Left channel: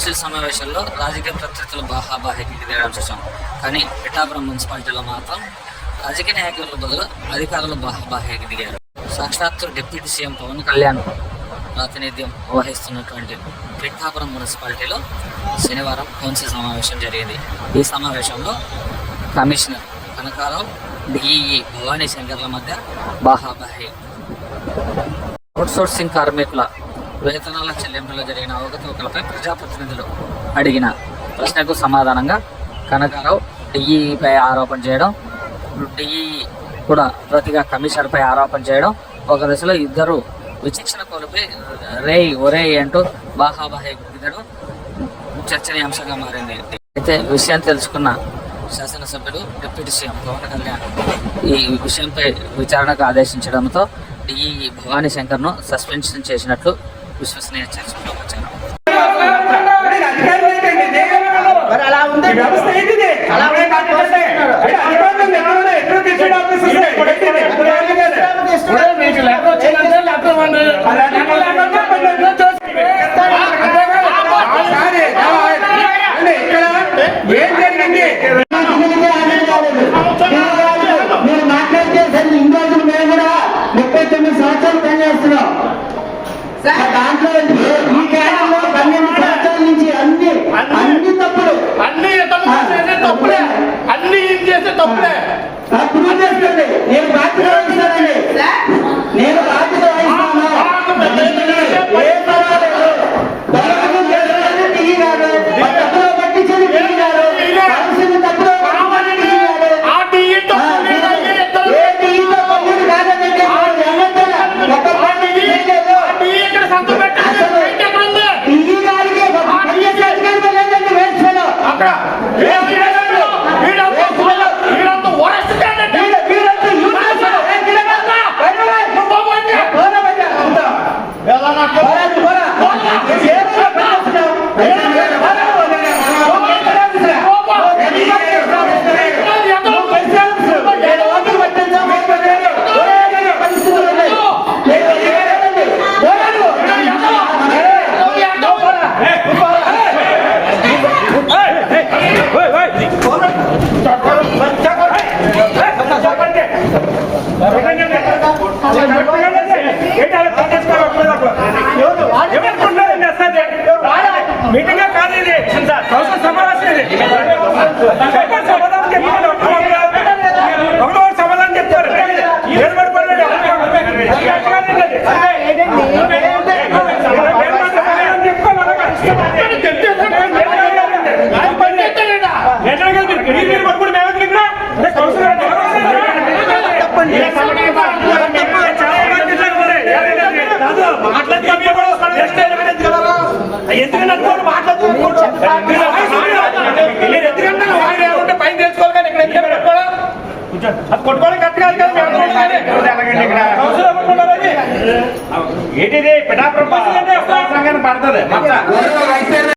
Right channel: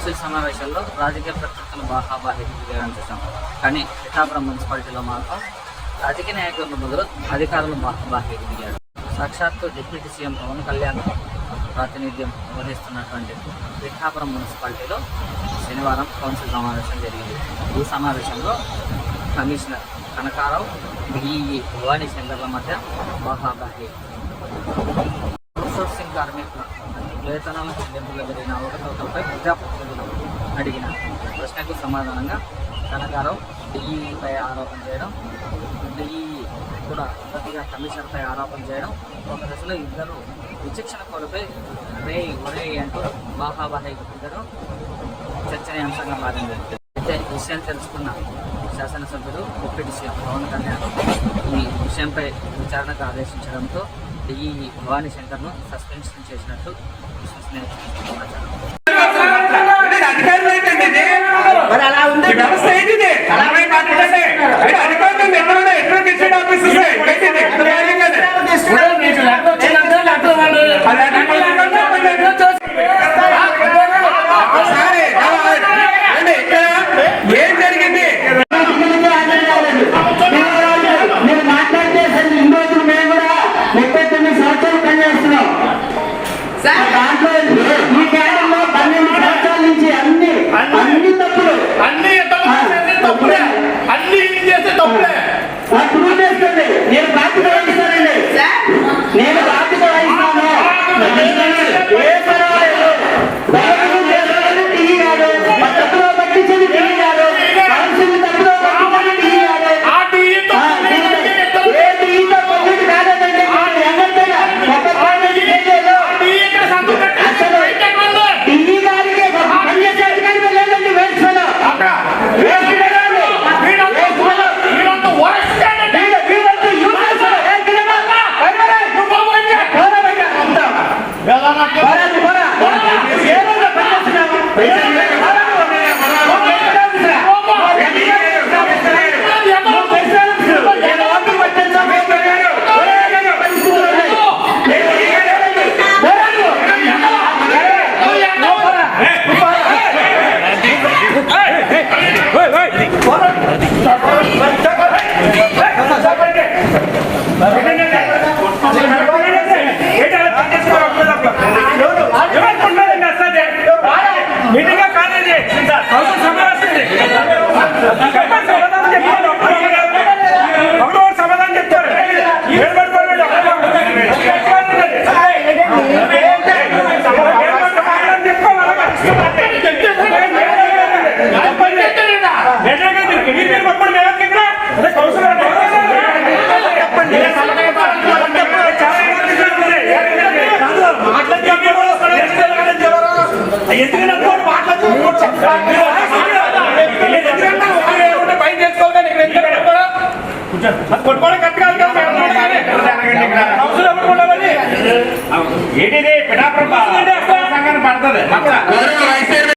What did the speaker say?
Council సమావేశాల్లో రాజకీయ ప్రత్యర్థులు బాహాబాహికి దిగడం చూసాం. కానీ పిఠాపురం మున్సిపాలిటీలో మాత్రం రాజకీయ నాయకుల బదులు అధికారులు బాహాబాహికి దిగారు. సాక్షాత్తు డిప్యూటీ సీఎం పవన్ కళ్యాణ్ ప్రాతినిధ్యం వహిస్తున్నటువంటి పిఠాపురం మున్సిపాలిటీలో శనివారం కౌన్సిల్ సమావేశం జరిగింది. ఈ సమావేశంలో కమిషనర్ కనకారావు, డిఈఈ భవానీ శంకర్ల మధ్య బాహాబాహి. అవుట్సోర్సింగ్ కార్మికుల వేతనాల చెల్లింపులో జరిగిన అవకతవకలపై ప్రజాప్రతినిధులు అడిగిన ప్రశ్నకు సమాధానంగా కనకారావు డిఈఈపై ఆరోపణ చేయడం, డిఈఈ కూడా ప్రతిగా కమిషనర్పై ఆరోపణ చేయడం, ఒక దశలో ఇద్దరు విచక్షణ కోల్పోయి ఒరే అంటూ బాహాబాహి గుర్తించడం చర్చనీయాంశంగా మారింది. అయితే విషయం తెలుసుకున్న శాసనసభ్యుడు డిప్యూటీ సీఎం పవన్ కళ్యాణ్ ఈ విషయంపై విచారణకు ఆదేశించడంతో డిఈఈ భవానీ శంకర్ను సస్పెన్షన్ చేసినట్లు విశ్వసనీయ సమాచారం. ఏం జరిగింది? మీరు మాట్లాడితే ఇన్ని రోజులు మేము కూడా 39 సంవత్సరాలు పనిచేస్తున్నాం. దాంట్లో ఈ కేంద్రంలో 12 సంవత్సరాల నుంచి అన్ని తప్పులు అన్ని తప్పులే, అన్ని చేస్తే తప్పులే. ప్రూవ్ చేసుకోండి. నేను బాధ్యత వహిస్తానండి. నేను బాధ్యత వహిస్తాను. ఏ పర్వాలేదు. దిగి కాదు, తప్పులో పట్టించింది దిగి కాదు, తప్పులో సమాధానం చెప్తారు. పైన తెలుసుకోవాలి. కొట్టుకోవడం కరెక్ట్ కాదు కదా. ఏంటిది పిఠాపురం పడుతుంది.